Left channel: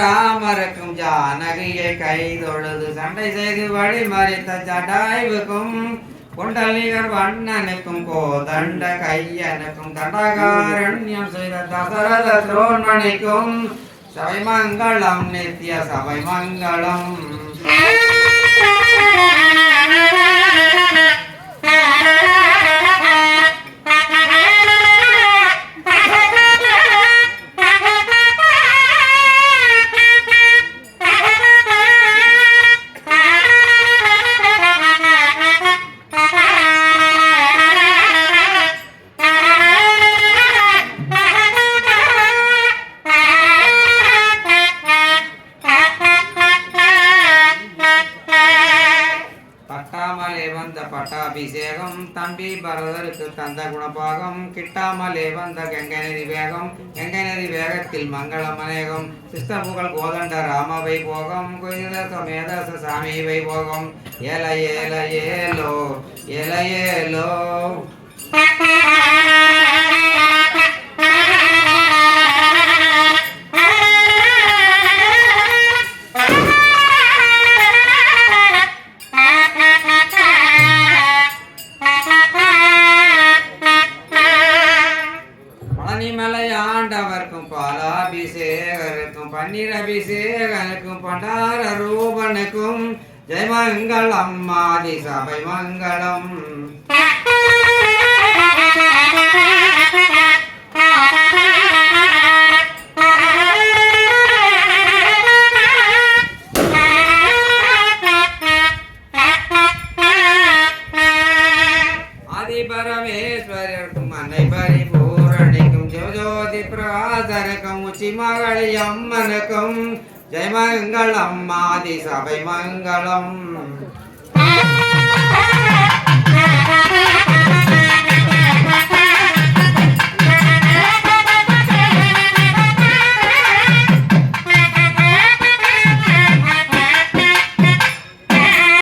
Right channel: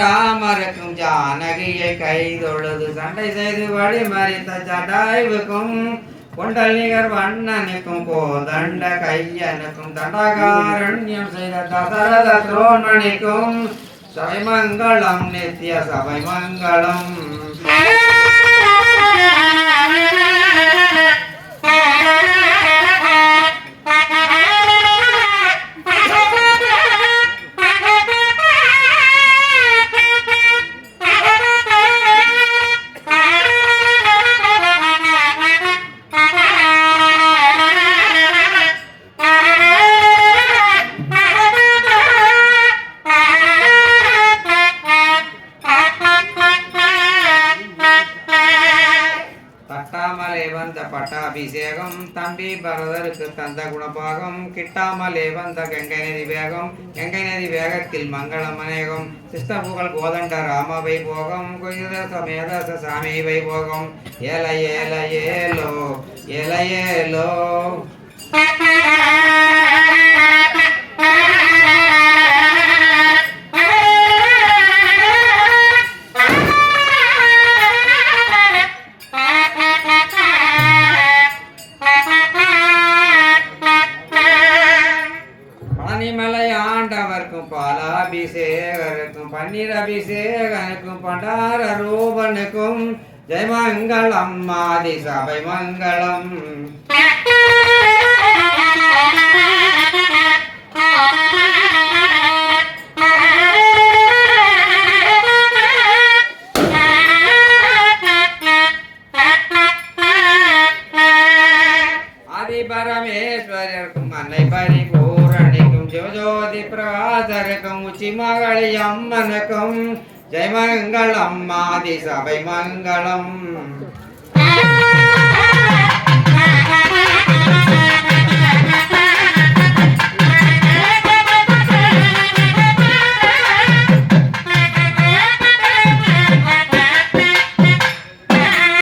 ராமருக்கும் ஜானகியை கைதொழுது சண்டை செய்து வழி மறித்த ஜடாய்வுக்கும் குண்டலிகர் வண்ணனுக்கும் கோதண்ட கையனுக்கும் தண்டகாரண்யம் செய்த தசரத துரோணனிக்கும் சபைமங்கலம் நித்திய சபைமங்கலம். பட்டாமலே வந்த பட்டாபிஷேகம் தம்பி பரதருக்கு தந்த குணபாகம் கிட்டாமலே வந்த கங்கை நதி வேகம் கங்கை நதி வேகத்தில் மங்களம் அநேகம் சிஸ்டபுகள் கோதண்ட ராம வைபோகம் குயில சமேத சாமி வைபோகம் ஏல ஏல ஏலோ ஏல ஏலோ. ஆண்டவர்க்கும் பாலாபிஷேகருக்கும் பன்னீர் அபிஷேகனுக்கும் பண்டார ரூபனுக்கும் ஜெயமங்கலம் ஆதி சபை மங்களம். ஆதி பரமேஸ்வரருக்கும் அன்னை பரிபூரணிக்கும் ஜோதி பிரகாசருக்கும் உச்சி மகளி அம்மனுக்கும் ஜெயமங்கலம் ஆதி சபை மங்களம்.